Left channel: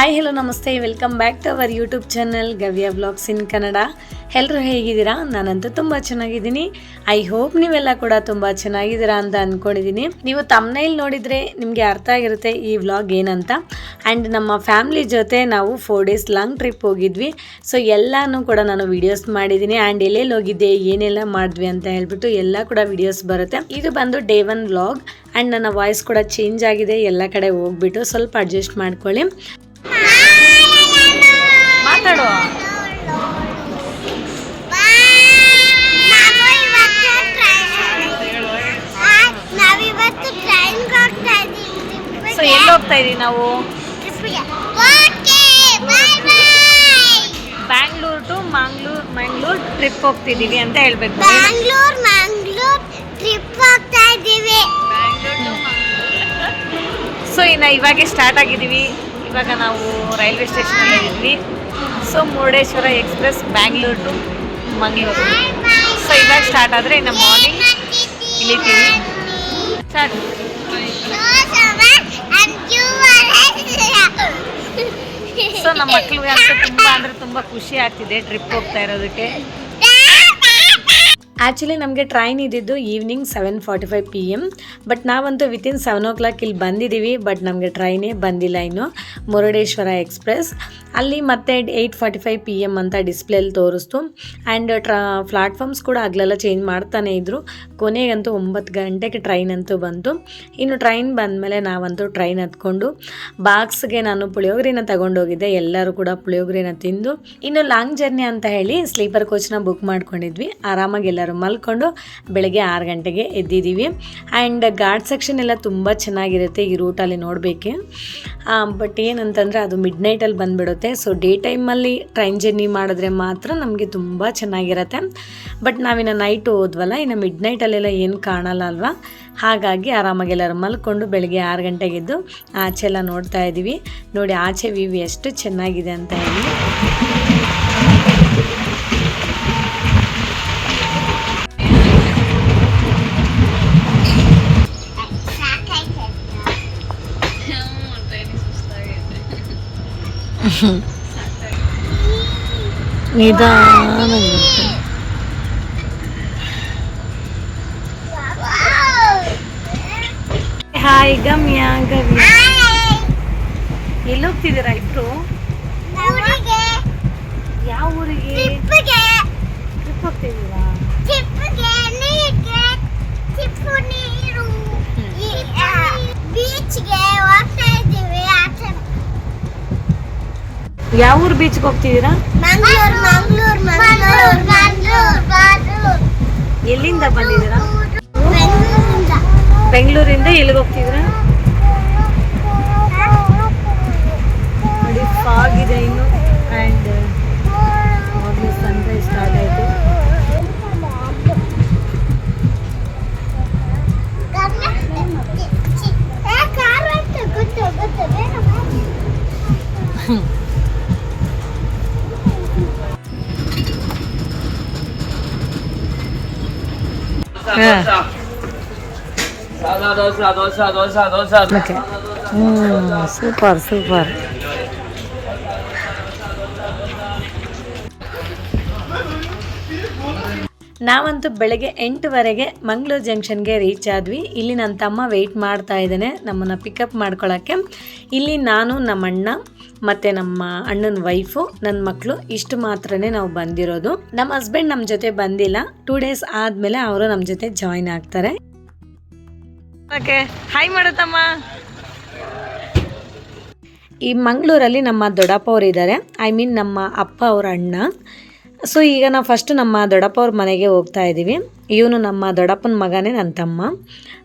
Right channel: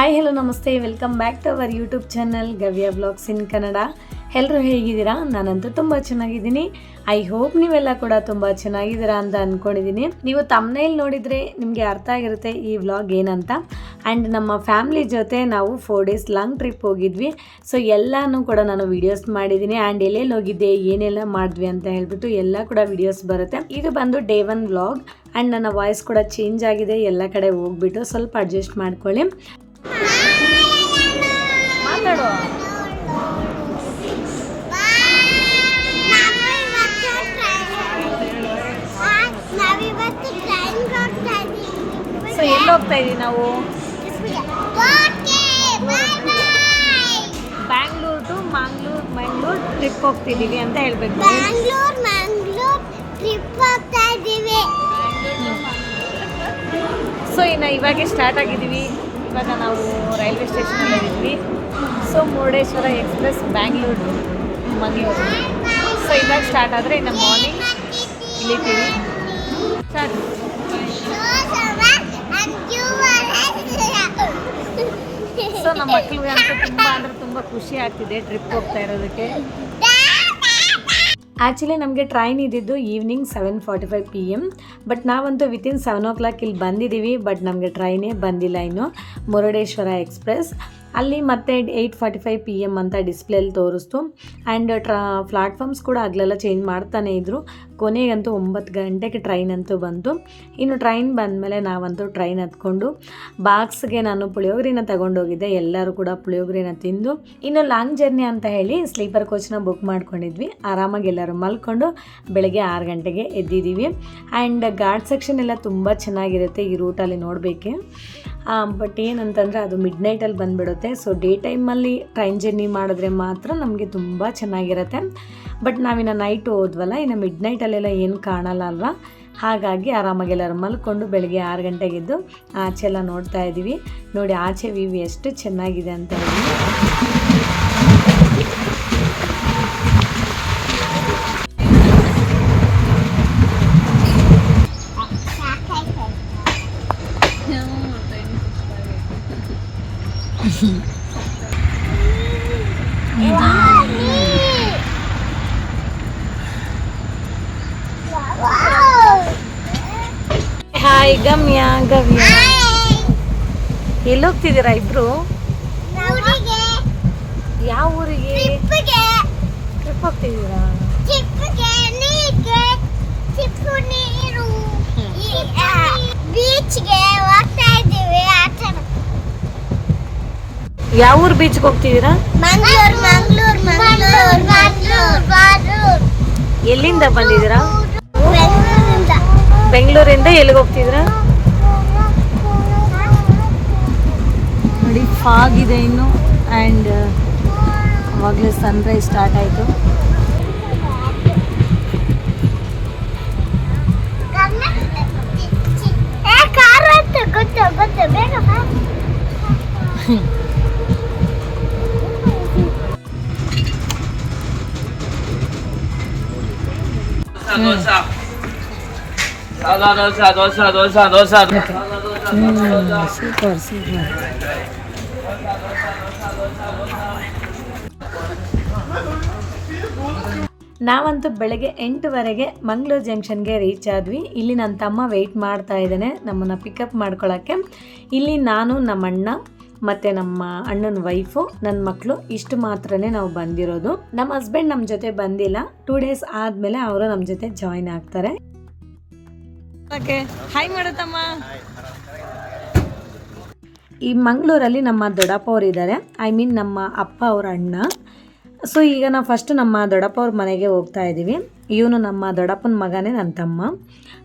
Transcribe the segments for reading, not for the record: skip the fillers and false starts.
Hi hello ನಮಸ್ತೆ, welcome back to our YouTube channel Gavya vlogs in Kannada. ಎಲ್ಲರೂ ಹೇಗಿದ್ದೀರಾ? ನಾನಂತೂ ತುಂಬ ಚೆನ್ನಾಗಿದ್ದೀನಿ. ಐ ಹೋಪ್ ನೀವೆಲ್ಲ ಕೂಡ ತುಂಬ ಚೆನ್ನಾಗಿದ್ದೀರಾ ಅಂತ ಅಂದ್ಕೊಂಡಿದ್ದೀನಿ. ನೀವು ತಮ್ನೈಲ್ ನೋಡಿದರೆ ನಿಮಗೆ ಅರ್ಥ ಆಗಿರುತ್ತೆ ಈ ವ್ಲಾಗ್ ಏನಂತ. ಆ್ಯಂಡ್ ನಮ್ಮ ಫ್ಯಾಮ್ಲಿ ಜೊತೆ ನಾವು 4 days ಲಾಂಗ್ ಟ್ರಿಪ್ ಹೋಗಿದ್ವಿ. ಸೊ ಎಲ್ಲನೂ ಕೂಡ ನಾನು ವಿಡಿಯೋಸ್ ಮಾಡಿದ್ದೀನಿ. ಆ್ಯಂಡ್ ಎಲ್ಲೆಲ್ಲಿ ಹೋಗಿದ್ದೆ, ಏನೆಲ್ಲ ಮಾಡಿದ್ವಿ ಅಂತ ಹೇಳ್ಬಿಟ್ಟು ಎಲ್ಲ ಕೂಡ ವಿಡಿಯೋಸ್ ಬರುತ್ತೆ. ಇದು ಬಂದು ಡೇ 1 ವ್ಲಾಗ್. ಆ್ಯಂಡ್ ನನ್ನ ವಾಯ್ಸ್ ಕೂಡ ಚೇಂಜ್ ಆಗಿದೆ, ಎಲ್ಲ ಕಡೆ ಹೋಗ್ಬಿಟ್ಟು ಸ್ವಲ್ಪ ಅಡ್ಜಸ್ಟ್ ಮಾಡ್ಕೊಳ್ಳಿ. ಮಾತಾಡು. ಸೊ ಎಲ್ಲಿ ಹೋಗ್ತಾ ಇದೀವಿ ನಾವು? ಬ್ಯಾಂಗ್ಳೂರ್ ಟು ಮಂಗ್ಳೂರ್ ಟ್ರಿಪ್ ಹೋಗ್ತಿದೀವಿ ಅಂತ ಹೇಳ್ಬೇಕು. ಮಂಗ್ಳೂರ್ ಟ್ರಿಪ್ ಹೋಗ್ತಾ ಇದೀವಿ. ಸೊ ಇವಾಗೆ ಸ್ಟಾರ್ಟ್ ಆಗಿದ್ದೀವಿ. ಇವಾಗ ನಾವು ರೈಲ್ವೆ ಸ್ಟೇಷನಲ್ಲಿ ಇದ್ವಿ. So Murudeshwar express Bangalore to Mangaluru. So ಇವಾಗ ಸ್ಟಾರ್ಟ್ ಆದರೆ ಇನ್ನು ಮಾರ್ನಿಂಗ್ ಇಳಿತೀವಿ. ಸ್ಟಾರ್ಟ್. ಸೊ ನಮ್ಮ ಮಕ್ಕಳಿಗೆ ಅಂತೂ ತುಂಬ ಖುಷಿ ಆಗ್ತಿದೆ ಟ್ರಿಪ್ ಹೋಗ್ತಾ ಇರೋದಕ್ಕೆ. ಆ್ಯಕ್ಚುಲಿ ನಮಗೆ ಟ್ರೈನ್ ಇದ್ದಿದ್ದು ಈವ್ನಿಂಗ್ 7:45 PM. ಬಟ್ ನಾವಂತೂ ವಿತಿನ್ 7 o'clock ಇಲ್ಲಿ ಬಂದಿದ್ದೀವಿ. ಬಟ್ ನಮಗೆ ಟ್ರೈನೇ ಬಂದಿಲ್ಲ ಇನ್ನು, ಮುರುಡೇಶ್ವರ ಎಕ್ಸ್ಪ್ರೆಸ್. ಅಲ್ಲಿ ಮತ್ತೆ 8:45 PM ಅಂತ ಡಿಸ್ಪ್ಲೇಲಿ ತೋರಿಸ್ತು. ಆ್ಯಂಡ್ ಪ್ಲಾಟ್ಫಾರ್ಮ್ಸ್ ಕೂಡ ಆಗಲೆಲ್ಲ ಚೇಂಜ್ ಮಾಡ್ತಾನೆ ಇದ್ದರು. ಕೊನೆಗಂತೂ 9 ಗಂಟೆಗೆ ಟ್ರೈನ್ ಅಂತೂ ಬಂತು. ಇನ್ನು ಟ್ರೈನ್ ಬಂದಮೇಲೆ ನಾವಂತೂ ಟ್ರೈನ್ ಹತ್ಕೊಂಡು ಬಾಕ್ಸ್ಗೆ ನಾನು ಪುಳಿಯೋಗರೆನ ತಗೊಂಡೋಗಿದ್ದೆ. ಎಲ್ಲರೂ ಕೂಡ ಪುಳಿಯೋಗರೆನ ತಿಂದು ಇನ್ನು ಲಾಂಗ್ ಜರ್ನಿ ಅಂತ ಹೇಳಿ ಸ್ಲೀಪರ್ ಕೋಚ್ನ ಬುಕ್ ಮಾಡ್ಕೊಂಡಿದ್ವಿ. ಆರಾಮಾಗಿ ಎಲ್ಲರೂ ಮಲ್ಕೊಂಡು ಬೆಳಗ್ಗೆ 6 ಗಂಟೆಗೆ ಎದ್ದಿದ್ದೀವಿ. ಆ್ಯಂಡ್ ಘಾಟ್ ಸೆಕ್ಷನ್ ಎಲ್ಲ ತುಂಬ ಚೆನ್ನಾಗಿರುತ್ತೆ ಈ ರೂಟಲ್ಲಿ ನೋಡಬೇಕೆ. ಬಟ್ ಏನಂತಂದರೆ ಅದು ಮಿಡ್ ನೈಟಲ್ಲಿ ಬಂದುಬಿಡುತ್ತೆ. ಸೊ ಡೇ ಟೈಮಲ್ಲಿ ಟ್ರೈನ್ ಜರ್ನಿ ಮಾಡಿದ್ರೆ ಮಾತ್ರ ನಮಗೆ ತುಂಬ ಚೆನ್ನಾಗಿರುತ್ತೆ. ಬಟ್ ನಾವಿನ್ನು ನೈಟ್ ಹೋದ್ವಲ್ಲ, ಇನ್ನು ಮಿಡ್ ನೈಟಲ್ಲೆಲ್ಲ ಏನು ಕಾಣಲ್ಲ ಅಲ್ವಾ. ಹಾಗಾಗಿ ಆರಾಮಾಗಿ ಎಲ್ಲರೂ ಮಲ್ಕೊಂಡು ಬೆಳಗ್ಗೆ 6 ಗಂಟೆಗೆದ್ದು ಆಚೆ ಎಲ್ಲ ನೋಡ್ತಾ ಇದ್ದೀವಿ. ನೋಡಿ ಆಚೆ ವ್ಯೂ ಎಷ್ಟು ಚೆನ್ನಾಗಿದೆ ಅಂತ ಹೇಳಿ. ಹಾಯ್ ಗವ್ಯ. ಎಲ್ಲಿ ಹೋಗ್ತಿದ್ದೀರಾ ಇಬ್ರು? ಯಾವ ಊರಿಗೆ ಟ್ರಿಪ್ ಹೋಗ್ತಿದ್ದೀರಾ? ಯಾವ ಊರು ಬೀಚ್ಗೆ ಹೋಗ್ತಿದ್ದೀರಾ? ಎಲ್ಲಿಂದ ಬಂದಿದ್ದೀರಾ? ಬೆಂಗಳೂರಿಂದ ಎಲ್ಲಿಗೆ ಹೋಗ್ತಿದ್ದೀರಾ? ನೋಡಿ ಫಾಗ್ ಇದೆ ಇನ್ನು. ಆ್ಯಂಡ್ ಅವಾಗಲೇ ಸನ್ರೈಸ್ ಸ್ಟಾರ್ಟ್ ಆಯಿತು. ಸೂಪರ್. ನಾವಂತೂ ಬೆಳಗ್ಗೆ 8 ಮಂಗಳೂರು ಜಂಕ್ಷನ್ಗೆ ರೀಚ್ ಆದ್ವಿ. ಇಲ್ಲಿ ನನ್ನ ತಮ್ಮ ವೆಯ್ಟ್ ಮಾಡ್ತಾ ಇದ್ದಾನೆ ನಮ್ಮನ್ನು ಪಿಕಪ್ ಮಾಡ್ಕೊಳ್ಳೋಕ್ಕೆ. ಇಲ್ಲಿ ನಾನು, ನಮ್ಮ ಅಣ್ಣ ಮತ್ತು ನಮ್ಮ ಅಣ್ಣನ ವೈಫು, ನನ್ನ ಮಕ್ಕಳು ಇಷ್ಟು ಮಾತ್ರನೇ ನಾವು ಬಂದಿರೋದು. ನಮ್ಮ ಹಸ್ಬೆಂಡ್ ನಮ್ಮ ಜೊತೆ ಬಂದಿಲ್ಲ. 2 days ಆದಮೇಲೆ ಅವರು ನಮ್ಮ ಜೊತೆ ಜಾಯಿನ್ ಆಗ್ತಾರೆ. ಓಕೆ, ಹಾಯ್ ಮಾಡತ್ತಮ್ಮ. ಈ ಮಂಗಳೂರಲ್ಲಿ ನಮ್ಮ ದೊಡ್ಡಪ್ಪ ಅವರು ಇದ್ದಾರೆ. ನಮ್ಮ ಅಪ್ಪ ಅವರ ಅಣ್ಣ. ಸೊ ಈಗ ನಾವು ಫಸ್ಟ್ ನಮ್ಮ ದೊಡ್ಡಪ್ಪ ಅವ್ರ ಮನೆಗೆ ಹೋಗ್ತಾ ಇದ್ದೀವಿ. ಇವನು ನಮ್ಮ ದೊಡ್ಡಪ್ಪನ ಮಗನೇ, ನನ್ನ ತಮ್ಮ.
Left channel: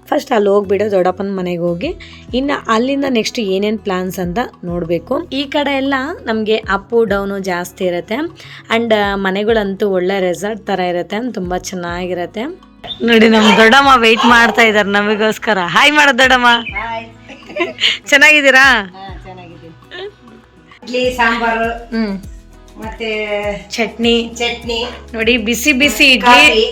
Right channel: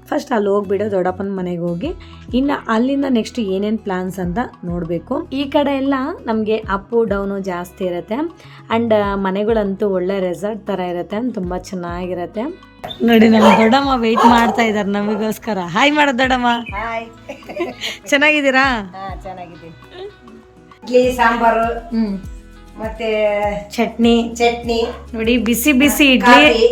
ಫಸ್ಟ್ ಅಲ್ಲಿ ಹೋಗ್ಬಿಟ್ಟು ದೊಡ್ಡಪ್ಪನ ಮನೆಗೆ ಹೋಗಿ ಇನ್ನು ಅಲ್ಲಿಂದ ನೆಕ್ಸ್ಟ್ ಏನೇನು ಪ್ಲಾನ್ಸ್ ಅಂತ ನೋಡಬೇಕು. ಈ ಕಡೆ ಎಲ್ಲ ನಮಗೆ ಅಪ್ಪು ಡೌನು ಜಾಸ್ತಿ ಇರುತ್ತೆ. ಆ್ಯಂಡ್ ಮನೆಗಳಂತೂ ಒಳ್ಳೆ ರೆಸಾರ್ಟ್ ಥರ ಇರುತ್ತೆ, ತುಂಬ ಚೆನ್ನಾಗಿರುತ್ತೆ. ನೋಡಿ ನಮ್ಮ ದೊಡ್ಡಮ್ಮ ವೆಯ್ಟ್ ಮಾಡ್ತಾ ಇದ್ದಾರೆ ನಮಗೋಸ್ಕರ. ಹಾಯ್ ಮಾಡೋದು ದೊಡ್ಡಮ್ಮ. ಚೆನ್ನಾಗಿದ್ದೀರಾ? ಇಡ್ಲಿ ಸಾಂಬಾರು ಮತ್ತೆ ಚಟ್ನಿ ನೋಡಿ, ಬಿಸಿ ಇಡ್ಲಿ.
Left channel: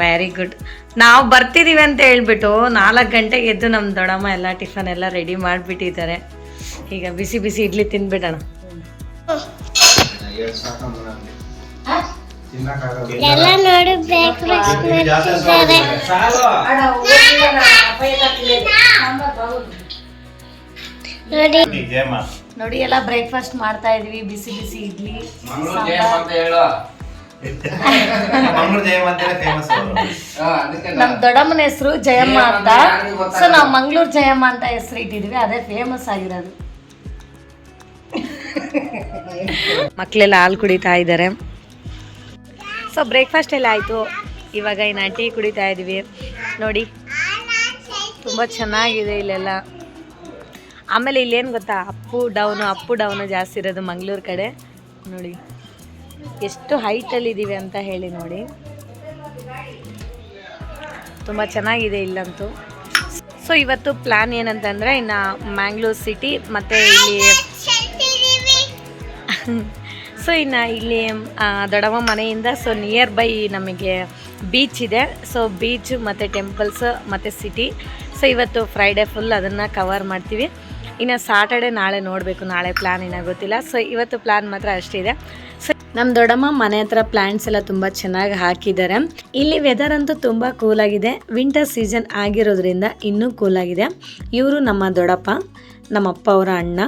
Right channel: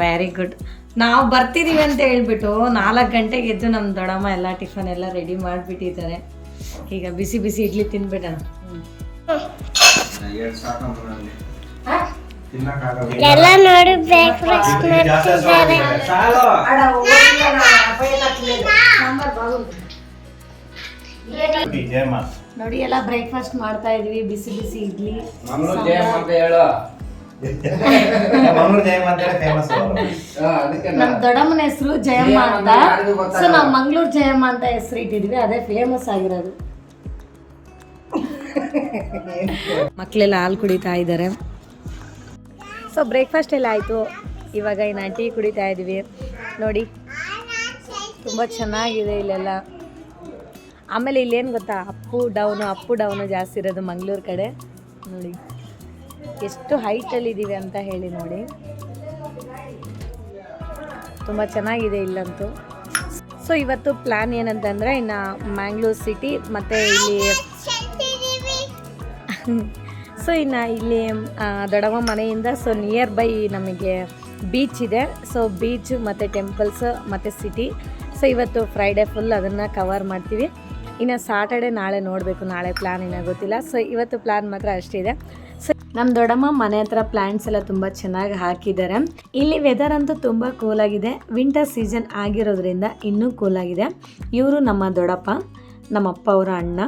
Very good. ನಾವು ಬರ್ತಿದ್ದೀವಿ ಅಂತ ಹೇಳ್ಬಿಟ್ಟು 4 ಗಂಟೆಗೆ ಎದ್ದು ನಮ್ಮ ದೊಡ್ಡಮ್ಮ ಎಲ್ಲ ಟಿಫನ್ ಎಲ್ಲ ರೆಡಿ ಮಾಡಿಬಿಟ್ಟಿದ್ದಾರೆ. ಈಗ ಬಿಸಿ ಬಿಸಿ ಇಡ್ಲಿ ತಿನ್ಬಿಡೋಣ. ಎಲ್ಲ ನೋಡಿ ಬ್ರೇಕ್ಫಾಸ್ಟ್ ಮಾಡ್ತಿದ್ದಾರೆ. ನೋಡಿ ಎಲ್ಲ ಬ್ರೇಕ್ಫಾಸ್ಟ್ ಮಾಡ್ತಾ ಇದೀವಿ. ಬಿಸಿ ಬಿಸಿ ಇಡ್ಲಿ. ನಮ್ ದೊಡ್ಡಮ್ಮನ ಹೆಸರು ಜಯಮ್ಮ ಅಂತ, ಸೊ ನಾವು ಮಂಗಳೂರು ಜಯಮ್ಮ ಅಂತ ಹೆಸರು ಇಟ್ಟಿದ್ವಿ, ಅದೇ ಫೇಮಸ್ ಆಗಿರೋದು. ಮಕ್ಕಳೆಲ್ಲ ಹಾಲು ಕುಡಿತಾ ಇದ್ದಾರೆ. ಸೊ ಬ್ರೇಕ್ಫಾಸ್ಟ್ ಎಲ್ಲ ಆಯಿತು. ಇವಾಗ ಇನ್ನು ಟೀ ಕುಡಿತಾ ಇದ್ದೀವಿ. ನೋಡಿ ತುಂಬ ಚೆನ್ನಾಗಿದೆ ಇಲ್ಲೆಲ್ಲ. ಆಮೇಲೆ ಇಲ್ಲೇನು ಗೊತ್ತಾ, ಅಪ್ಪು ಡೌನು ಜಾಸ್ತಿ ಇರೋದು ಮಂಗಳೂರು ಕಡೆ. ನೋಡಿ ಎಷ್ಟು ಹೈಟಲ್ಲಿ ಇದ್ದೀವಿ ಅಂತ ಹೇಳಿ. ನೋಡಿ ತುಂಬ ಚೆನ್ನಾಗಿದೆ ಇಲ್ಲಂತೂ. ಸೊ ಇವತ್ತು ಪ್ಲ್ಯಾನ್ ಏನಂತಂದರೆ, ಇನ್ನು ಮ್ಯಾಂಗ್ಳೂರ್ ಸಿಟಿ ಮತ್ತು ಇಲ್ಲಿ ಸೊ ಇನ್ನು ಇಲ್ಲಿ ದೊಡ್ಡಮ್ಮ ಮನೆಯಿಂದ ಸೊ ನಿಯರ್ ಬೈ ನಮಗೆ ಬೀಚ್ ಇದೆ. ಸೊ ಬೀಚ್ ಮತ್ತು ಟೆಂಪಲ್ಸ್ ಮತ್ತು ಸಿಟಿ. ಸೊ ಇವತ್ತು ಫ್ರೈಡೇ ಫುಲ್ ಅದನ್ನು ಕವರ್ ಮಾಡ್ತೀವಿ. ಇನ್ನು ಸಾಟರ್ಡೆ ನಾಳೆ ನೋಡಬೇಕು, ನಾಳೆ ಪ್ಲ್ಯಾನ್ ಏನೋ ಗೊತ್ತಿಲ್ಲ. ಸೊ ಇವತ್ತು ಪ್ಲ್ಯಾನ್ ಮಾತ್ರ ಅಷ್ಟಿದೆ. ಸೊ ನಮ್ಮ ದೊಡ್ಡಮ್ಮ ಮನೆ ಹತ್ರ ಪ್ಲ್ಯಾಂಟ್ಸ್ ಎಲ್ಲ ತುಂಬ ಚೆನ್ನಾಗಿ ಹಾಕಿದ್ದಾರೆ. ಇಲ್ಲಿ ವೆದರ್ ಅಂತೂ ತುಂಬ ಕೂಲಾಗಿದೆ. ವಿಂಟರ್ ಸೀಸನ್ ಆಗಿರೋದ್ರಿಂದ ಇನ್ನೂ ಕೂಲಾಗಿದೆ. ಇವರು ನಮ್ಮ ದೊಡ್ಡಪ್ಪ, ನಮ್ಮಪ್ಪ ಅವರ ಅಣ್ಣ.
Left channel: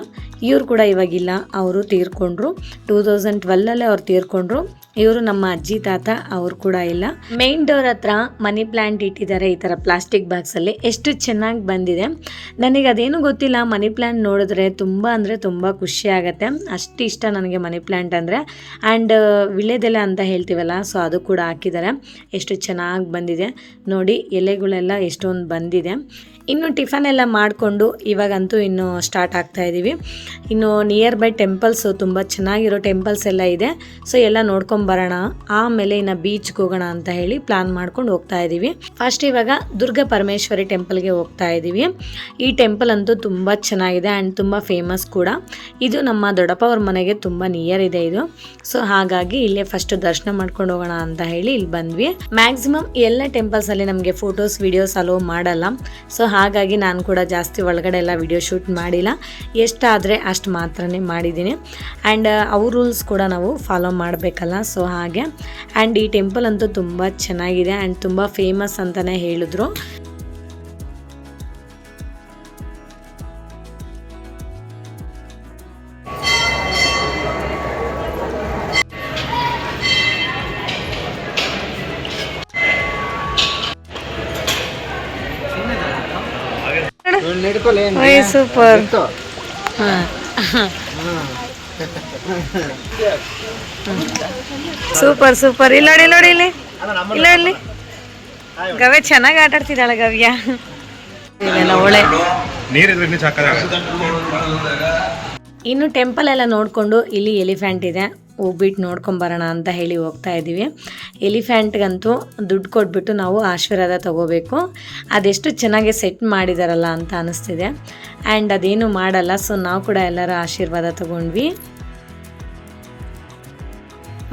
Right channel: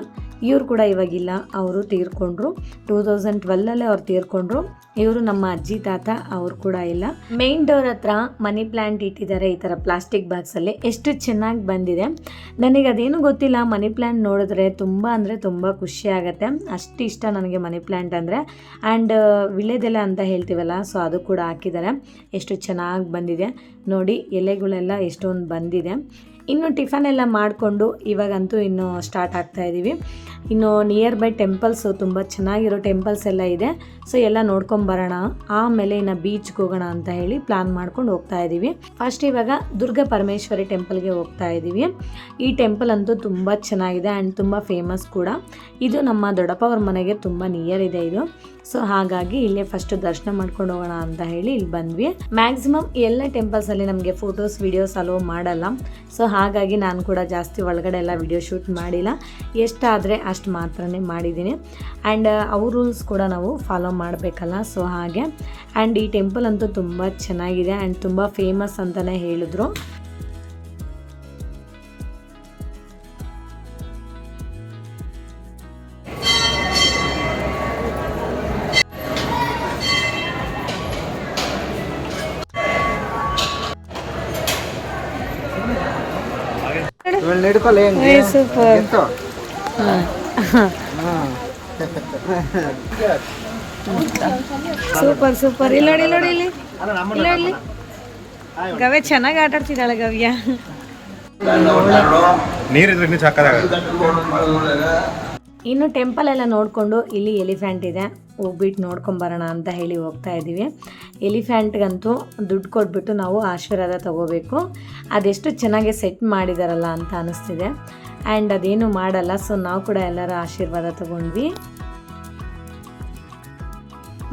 ಇವರು ಕೂಡ ಇವಾಗಿಲ್ಲ, ಅವರು ತೀರ್ಕೊಂಡ್ರು. 2012 ಅವ್ರು ತೀರ್ಕೊಂಡ್ರು. ಇವರು ನಮ್ಮ ಅಜ್ಜಿ ತಾತ, ಅವರು ಕೂಡ ಇಲ್ಲ. ಮೇನ್ ಡೋರ್ ಹತ್ರ ಮನಿ ಪ್ಲ್ಯಾಂಟ್ ಇಟ್ಟಿದ್ದಾರೆ ಈ ಥರ ಪ್ಲಾಸ್ಟಿಕ್ ಬಾಕ್ಸಲ್ಲಿ. ಎಷ್ಟು ಚೆನ್ನಾಗಿ ಬಂದಿದೆ. ನನಗೆ ಅದೇನು ಗೊತ್ತಿಲ್ಲ, ಮನಿ ಪ್ಲ್ಯಾಂಟ್ ನೋಡಿದ್ರೆ ತುಂಬ ಅಂದರೆ ತುಂಬ ಖುಷಿ ಆಗುತ್ತೆ. ಅಷ್ಟು ಇಷ್ಟ ನನಗೆ ಮನಿ ಪ್ಲ್ಯಾಂಟ್ ಅಂದರೆ. ಆ್ಯಂಡ್ ವಿಳ್ಯದೆಲೆ ಅಂತ ಹೇಳ್ತೀವಲ್ಲ, ಸೊ ಅದು ಕೂಡ ಹಾಕಿದ್ದಾರೆ. ಎಷ್ಟು ಚೆನ್ನಾಗಿ ಬಂದಿದೆ ನೋಡಿ, ಎಲೆಗಳೆಲ್ಲ ಎಷ್ಟೊಂದು ಬಂದಿದೆ. ಇನ್ನು ಟಿಫನ್ ಎಲ್ಲ ಮಾಡಿಕೊಂಡು ಇವಾಗಂತೂ ಇನ್ನು ಸ್ಟಾರ್ಟ್ ಆಗ್ತಾ ಇದ್ದೀವಿ. ಇನ್ನು ನಿಯರ್ ಬೈ ಟೆಂಪಲ್ಸು, ತುಂಬ ಚೆನ್ನಾಗಿರೋ ಟೆಂಪಲ್ಸ್ ಎಲ್ಲ ಇದೆ. ಸೊ ಎಲ್ಲ ನೋಡ್ಕೊಂಬರೋಣ, ಆಮೇಲೆ ಇನ್ನು ಬೀಚ್ಗೆ ಹೋಗೋಣ ಅಂತ ಹೇಳಿ ಪ್ಲ್ಯಾನ್ ಮಾಡ್ಕೊಂಡು ಹೋಗ್ತಾ ಇದ್ದೀವಿ. ಫಸ್ಟ್ ಇವಾಗ ದುರ್ಗ ಪರಮೇಶ್ವರಿ ಟೆಂಪಲ್ಗೆ ಹೋಗ್ತಾ ಇದ್ದೀವಿ. ಈ ಟೆಂಪಲ್ ಅಂತೂ ತುಂಬ ಚೆನ್ನಾಗಿದೆ ಆ್ಯಂಡ್ ತುಂಬ ಫೇಮಸ್ ಕೂಡ. ಇದು ನಮ್ಮ ದೊಡ್ಡಪ್ಪ ಅವ್ರ ಮನೆಗೆ ತುಂಬ ನಿಯರ್ ಇದೆ ಇದು. ಸೊ ಹಾಗಾಗಿ ಇಲ್ಲೇ ಫಸ್ಟ್ ದರ್ಶನ ಮಾಡ್ಕೊಂಡು ಹೋಗೋಣ ಅಂತ ಹೇಳಿ ಇಲ್ಲಿ ಬಂದ್ವಿ. ಮ್ಯಾಕ್ಸಿಮಮ್ ಎಲ್ಲ ಟೆಂಪಲ್ಸಲ್ಲಿ ನಮಗೆ ಫೋಟೋಸ್ ವಿಡಿಯೋಸ್ ಅಲೋ ಮಾಡಲ್ಲ. ಸೊ ಹಾಗಾಗಿ ನಾನು ಕೂಡ ಜಾಸ್ತಿ ಒಳಗಡೆ ಎಲ್ಲ ವಿಡಿಯೋ ಶೂಟ್ ಮಾಡಿಲ್ಲ. ಎಷ್ಟಾದರೆ ಅಷ್ಟು ಮಾತ್ರನೇ ಮಾಡಿದ್ದೀನಿ. ಆ್ಯಂಡ್ ಅವ್ರ ರೂಲ್ಸ್ ಕೂಡ ನಾವು ಫಾಲೋ ಮಾಡಬೇಕಲ್ಲ, ಸೊ ಹಾಗೆ. ಆ್ಯಂಡ್ ಈ ಟೆಂಪಲ್ ಅಂತೂ ತುಂಬ ಚೆನ್ನಾಗಿದೆ ಆ್ಯಂಡ್ ತುಂಬ ಫೇಮಸ್ ಅಂತಲೇ ಹೇಳಿದ್ರು. ಸೂಪರ್. Super super. ಇಲ್ಲಿ ನೋಡಿ, ನೋಡಿ ಇಲ್ಲಿ ಇಲ್ಲ, ಇಲ್ಲಿ ಗವ್ಯ ಚೆನ್ನಾಗಿ ಆಟ ಆಡ್ತಿದ್ದಾಳೆ ಗವ್ಯ. ಒಳ್ಳೆ ಇನ್ನು ಟೆಂಪಲ್ ಎಲ್ಲ ನೋಡಿಕೊಂಡು ಇಲ್ಲಿ ಎಲಿಫೆಂಟ್ ಇದೆ, ಹೋಗ್ಬಿಟ್ಟು ನೋಡ್ಕೊಂಬರೋಣ ಅಂತ ಹೇಳಿ ಹೋಗ್ತಾ ಇದ್ದೀವಿ. ಎಲಿಫೆಂಟ್ಗಂತೂ ದುಡ್ಡು ಕೊಟ್ಬಿಟ್ಟು ನಾವು ಆಶೀರ್ವಾದ ತೊಗೋಬೇಕು. ಅದೆಷ್ಟು ಚೆನ್ನಾಗಿ ಸೆಟ್ ಮಾಡಿದಾರಲ್ಲ ಅಂತ ಅನ್ನಿಸ್ತಿದೆ. ಆ್ಯಂಡ್ ಅದೇನು ಮಾಡಲ್ಲ. ಸೊ ನಾವು ಕೂಡ ಎಲ್ಲರೂ ಆಶೀರ್ವಾದ ತೊಗೊಂಡ್ವಿ.